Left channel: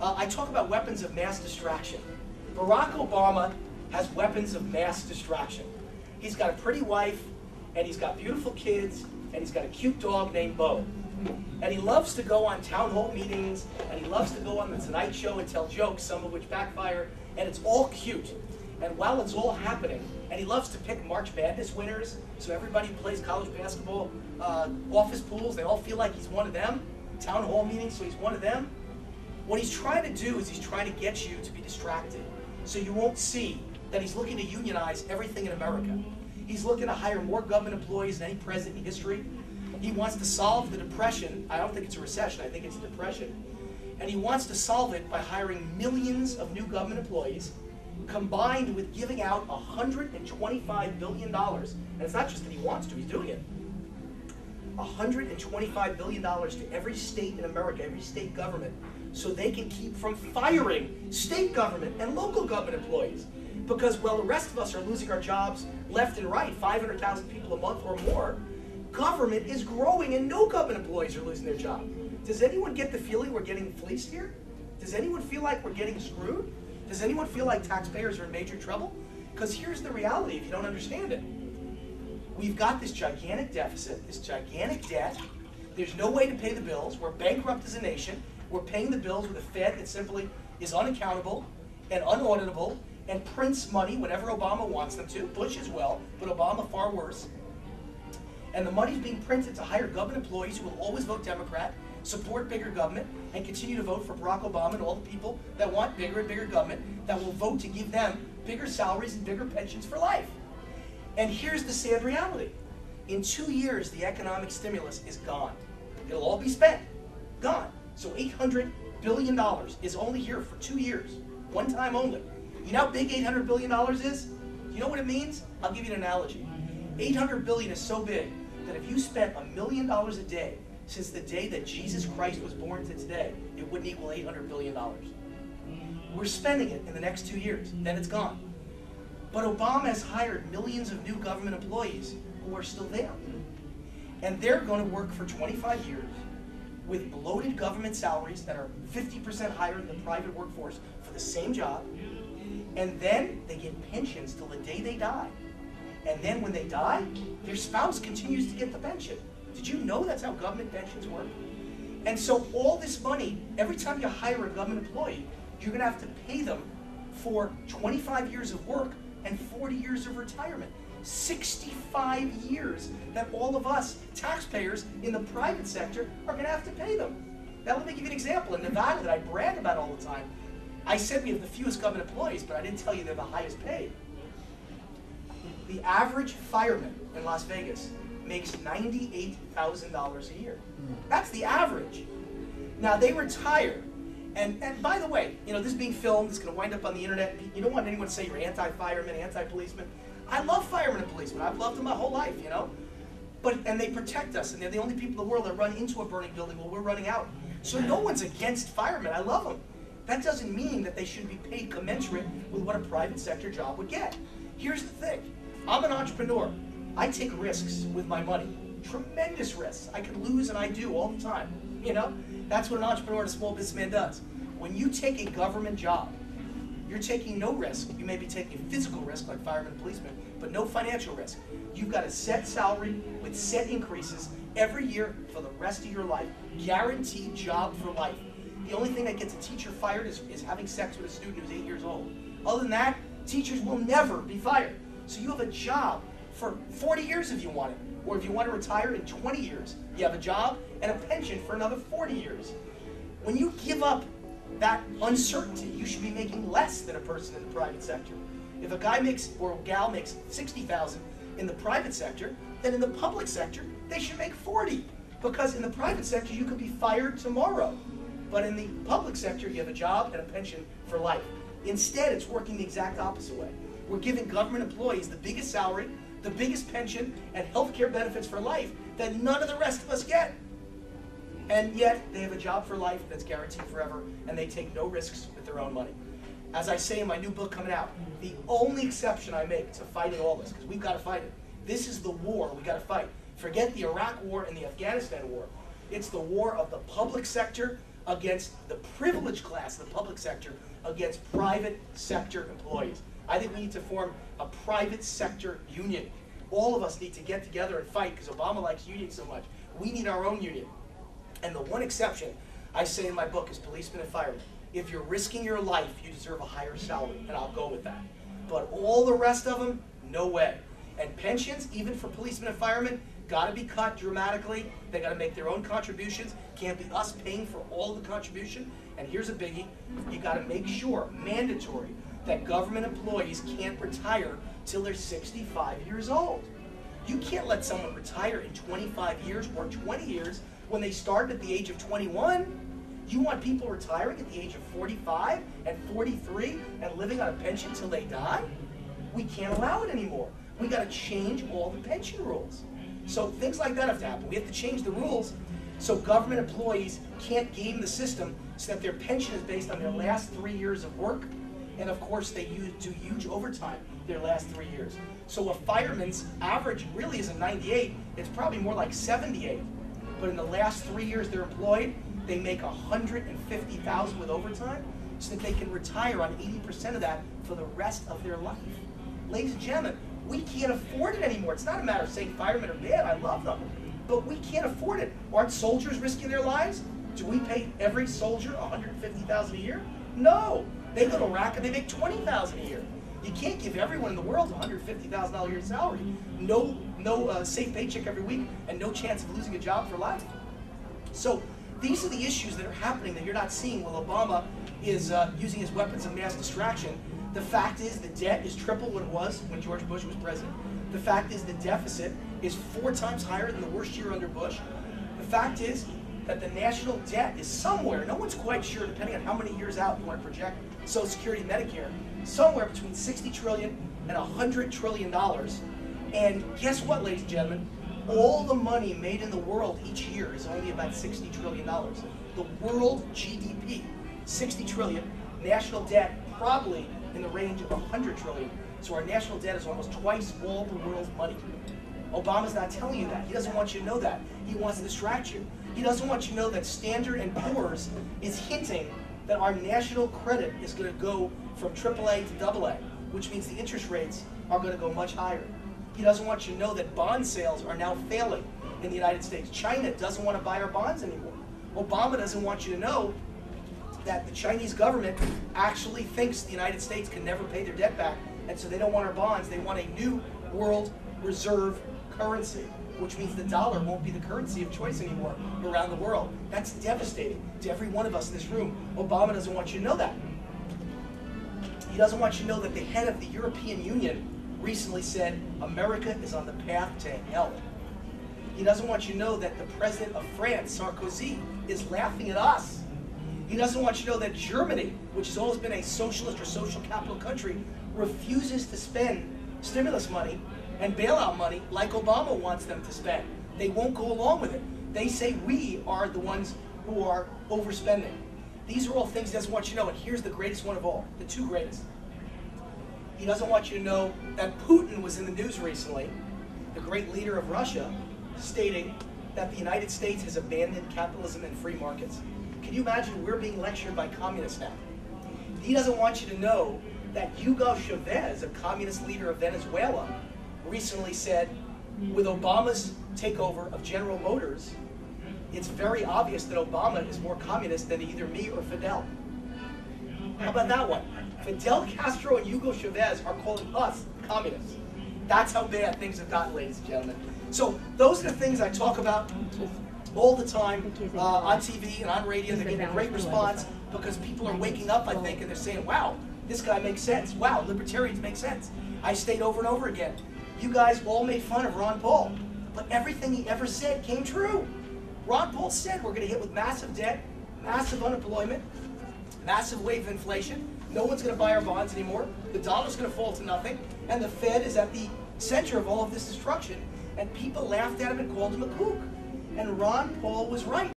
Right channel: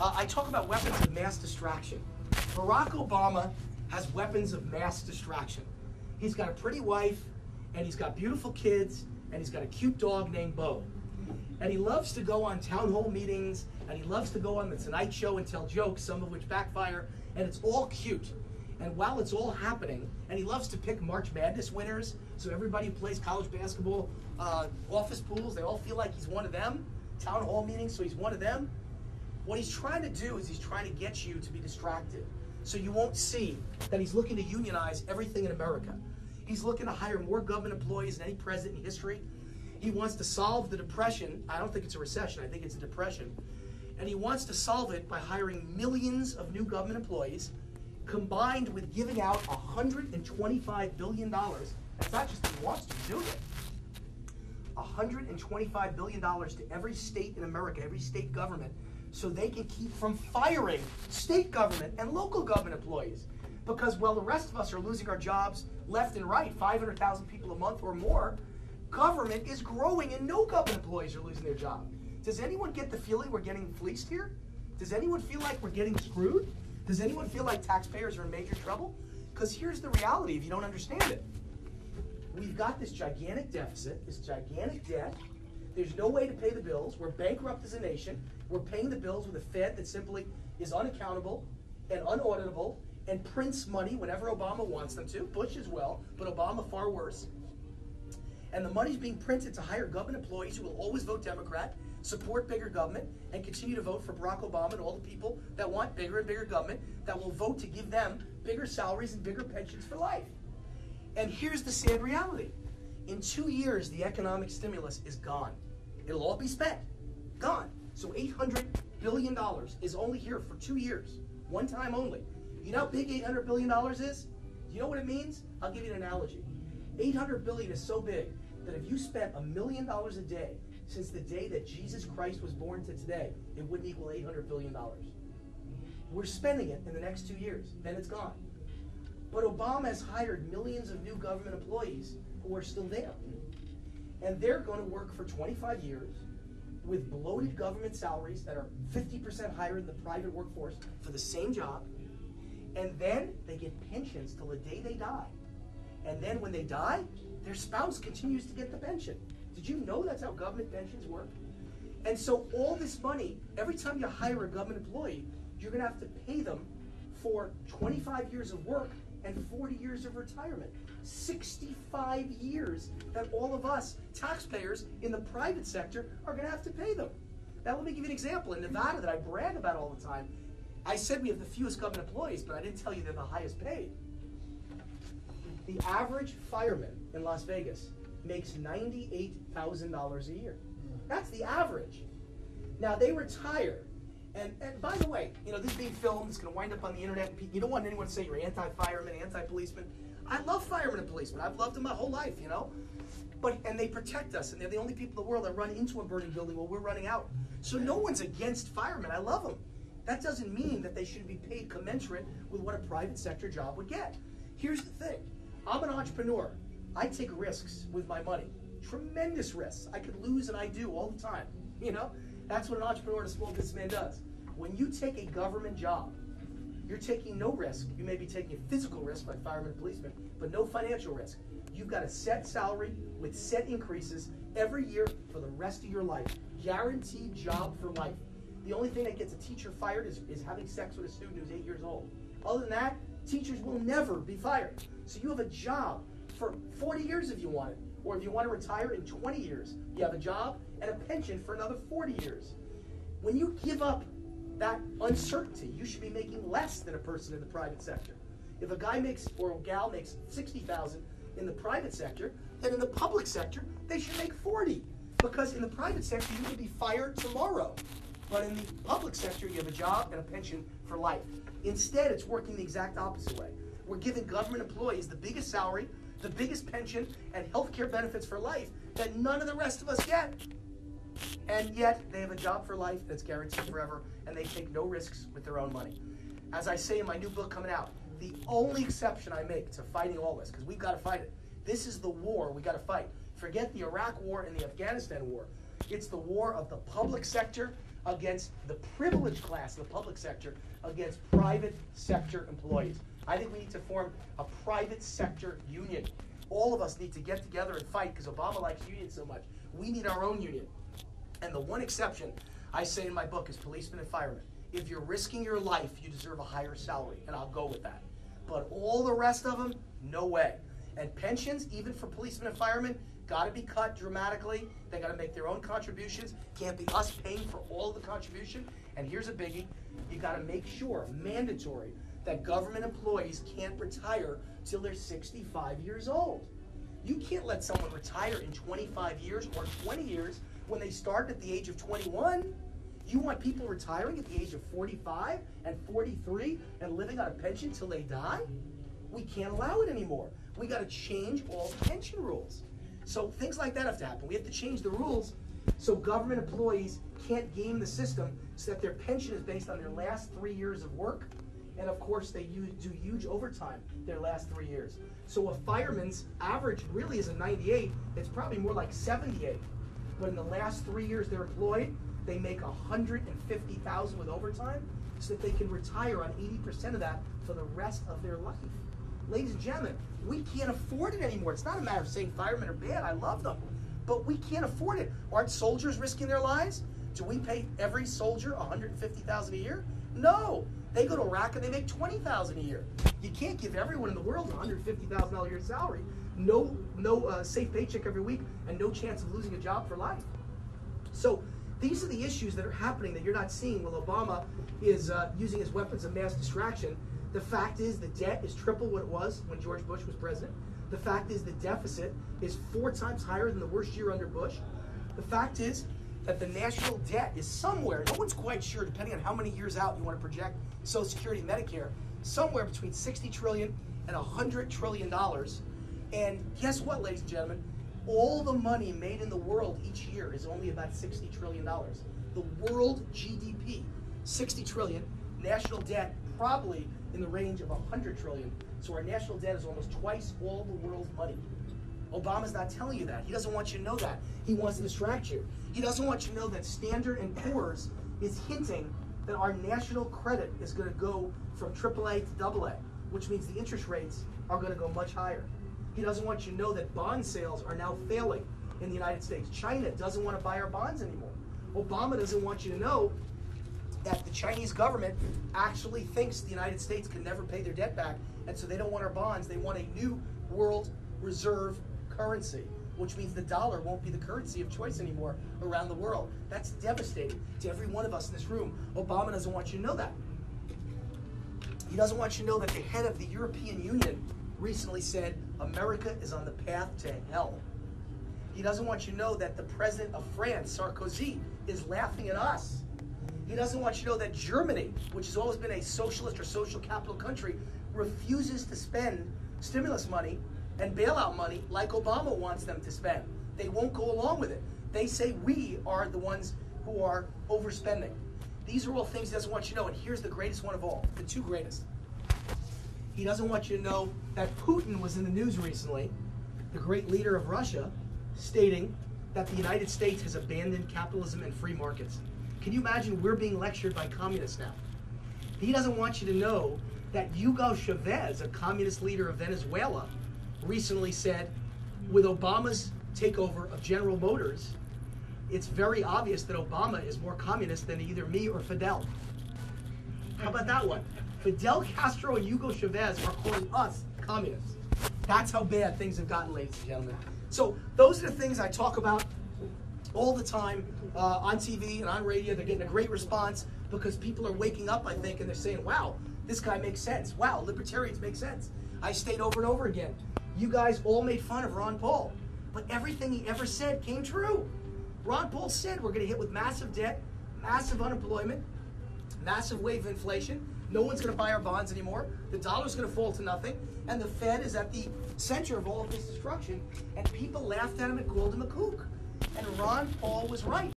I talk about weapons of mass distraction. Barack Obama has weapons of mass distraction. He's got a pretty wife, and he's got beautiful kids, and he's got a cute dog named Bo. And he loves to go on town hall meetings, and he loves to go on the Tonight Show and tell jokes, some of which backfire, and it's all cute. And while it's all happening, and he loves to pick March Madness winners, so everybody who plays college basketball, office pools, they all feel like he's one of them, town hall meetings, so he's one of them. What he's trying to do is he's trying to get you to be distracted, so you won't see that he's looking to unionize everything in America. He's looking to hire more government employees than any president in history. He wants to solve the depression. I don't think it's a recession, I think it's a depression. And he wants to solve it by hiring millions of new government employees, combined with giving out $125 billion. And it's not just that he wants to, he's doing it. $125 billion to every state in America, every state government, so they can keep from firing state government and local government employees. Because while the rest of us are losing our jobs left and right, 500,000 people a month or more, government is growing and no government employees are losing their job. Does anyone get the feeling we're getting fleeced here? Does anyone feel like we're getting screwed? Does anyone feel like taxpayers are in major trouble? Because here's the reality if you don't understand it. We've got this gigantic deficit, this gigantic debt. There's no way to pay the bills. We're bankrupt as a nation. We're paying the bills with a Fed that simply is unaccountable and unauditable and prints money whenever Obama wants them to. Bush as well, but Obama far worse. And the money's being printed to hire government employees who will always vote Democrat, support bigger government, and continue to vote for Barack Obama and all the people that want bigger and bigger government, that will vote to give them bigger salaries and bigger pensions for life. And here's the sad reality. In 2 years, the economic stimulus is gone. It'll all be spent. Gone. So $800 billion is only here for 2 years. One time only. You know how big $800 billion is? You know what it means? I'll give you an analogy. $800 billion is so big that if you spent $1 million a day since the day that Jesus Christ was born to today, it wouldn't equal $800 billion. We're spending it in the next 2 years, then it's gone. But Obama has hired millions of new government employees who are still there. And they're going to work for 25 years with bloated government salaries that are 50% higher than the private workforce for the same job. And then they get pensions till the day they die. And then when they die, their spouse continues to get the pension. Did you know that's how government pensions work? And so all this money, every time you hire a government employee, you're going to have to pay them for 25 years of work and 40 years of retirement. 65 years that all of us taxpayers in the private sector are going to have to pay them. Now let me give you an example. In Nevada that I brag about all the time, I said we have the fewest government employees, but I didn't tell you they're the highest paid. The average fireman in Las Vegas makes $98,000 a year. That's the average. Now they retire, and by the way, you know, this is being filmed, it's going to wind up on the internet. You don't want anyone to say you're anti-fireman, anti-policeman. I love firemen and policemen. I've loved them my whole life, you know. And they protect us, and they're the only people in the world that run into a burning building while we're running out. So no one's against firemen. I love them. That doesn't mean that they should be paid commensurate with what a private sector job would get. Here's the thing. I'm an entrepreneur. I take risks with my money. Tremendous risks. I could lose, and I do all the time. You know? That's what an entrepreneur and a small businessman does. When you take a government job, you're taking no risk. You may be taking a physical risk like firemen and policemen, but no financial risk. You've got a set salary with set increases every year for the rest of your life. Guaranteed job for life. The only thing that gets a teacher fired is having sex with a student who's 8 years old. Other than that, teachers will never be fired. So you have a job for 40 years if you want it. Or if you want to retire in 20 years, you have a job and a pension for another 40 years. When you give up that uncertainty, you should be making less than a person in the private sector. If a guy makes, or a gal makes $60,000 in the private sector, then in the public sector, they should make 40. Because in the private sector, you could be fired tomorrow. But in the public sector, you have a job and a pension for life. Instead, it's working the exact opposite way. We're giving government employees the biggest salary, the biggest pension, and health care benefits for life that none of the rest of us get. And yet, they have a job for life that's guaranteed forever, and they take no risks with their own money. As I say in my new book coming out, the only exception I make to fighting all this, because we've got to fight it, this is the war we got to fight. Forget the Iraq war and the Afghanistan war. It's the war of the public sector against the privileged class in the public sector, against private sector employees. I think we need to form a private sector union. All of us need to get together and fight, because Obama likes unions so much. We need our own union. And the one exception I say in my book is policemen and firemen. If you're risking your life, you deserve a higher salary, and I'll go with that. But all the rest of them, no way. And pensions, even for policemen and firemen, got to be cut dramatically. They got to make their own contributions. Can't be us paying for all of the contribution. And here's a biggie: you got to make sure, mandatory, that government employees can't retire till they're 65 years old. You can't let someone retire in 25 years or 20 years when they start at the age of 21. You want people retiring at the age of 45 and 43 and living on a pension till they die? We can't allow it anymore. We got to change all the pension rules. So things like that have to happen. We have to change the rules so government employees can't game the system so that their pension is based on their last 3 years of work. And of course, they do huge overtime their last 3 years. So a fireman's average really isn't 98. It's probably more like 78. But in the last 3 years they're employed, they make $150,000 with overtime, so that they can retire on 80% of that for the rest of their life. Ladies and gentlemen, we can't afford it anymore. It's not a matter of saying firemen are bad. I love them. But we can't afford it. Aren't soldiers risking their lives? Do we pay every soldier $150,000 a year? No. They go to Iraq and they make $20,000 a year. You can't give everyone in the world a $150,000 a year salary. No safe paycheck every week, and no chance of losing a job for life. So these are the issues that are happening that you're not seeing while Obama is using his weapons of mass distraction. The fact is the debt is triple what it was when George Bush was president. The fact is the deficit is 4 times higher than the worst year under Bush. The fact is that the national debt is somewhere, no one's quite sure, depending on how many years out you want to project Social Security and Medicare, somewhere between $60 trillion and $100 trillion. And guess what, ladies and gentlemen? All the money made in the world each year is only about $60 trillion. The world GDP, $60 trillion. National debt, probably in the range of $100 trillion. So our national debt is almost twice all the world's money. Obama's not telling you that. He doesn't want you to know that. He wants to distract you. He doesn't want you to know that Standard & Poor's is hinting that our national credit is going to go from AAA to AA, which means the interest rates are going to go much higher. He doesn't want you to know that bond sales are now failing in the United States. China doesn't want to buy our bonds anymore. Obama doesn't want you to know that the Chinese government actually thinks the United States can never pay their debt back, and so they don't want our bonds. They want a new world reserve currency, which means the dollar won't be the currency of choice anymore around the world. That's devastating to every one of us in this room. Obama doesn't want you to know that. He doesn't want you to know that the head of the European Union recently said America is on the path to hell. He doesn't want you to know that the president of France, Sarkozy, is laughing at us. He doesn't want you to know that Germany, which has always been a socialist or social capital country, refuses to spend stimulus money and bailout money like Obama wants them to spend. They won't go along with it. They say we are the ones who are overspending. These are all things he doesn't want you to know, and here's the greatest one of all, the 2 greatest. He doesn't want you to know that Putin was in the news recently, the great leader of Russia, stating that the United States has abandoned capitalism and free markets. Can you imagine we're being lectured by communists now? He doesn't want you to know that Hugo Chavez, a communist leader of Venezuela, recently said, with Obama's takeover of General Motors, it's very obvious that Obama is more communist than either me or Fidel. How about that one? Fidel Castro and Hugo Chavez are calling us communists. That's how bad things have gotten, ladies and gentlemen. So those are the things I talk about all the time on TV and on radio. They're getting a great response because people are waking up, I think, and they're saying, wow, this guy makes sense. Wow, libertarians make sense. I state over and over again, you guys all made fun of Ron Paul, but everything he ever said came true. Ron Paul said we're going to hit with massive debt, massive unemployment, massive wave of inflation. No one's going to buy our bonds anymore. The dollar's going to fall to nothing. And the Fed is at the center of all of this destruction. And people laughed at him and called him a kook. And Ron Paul was right.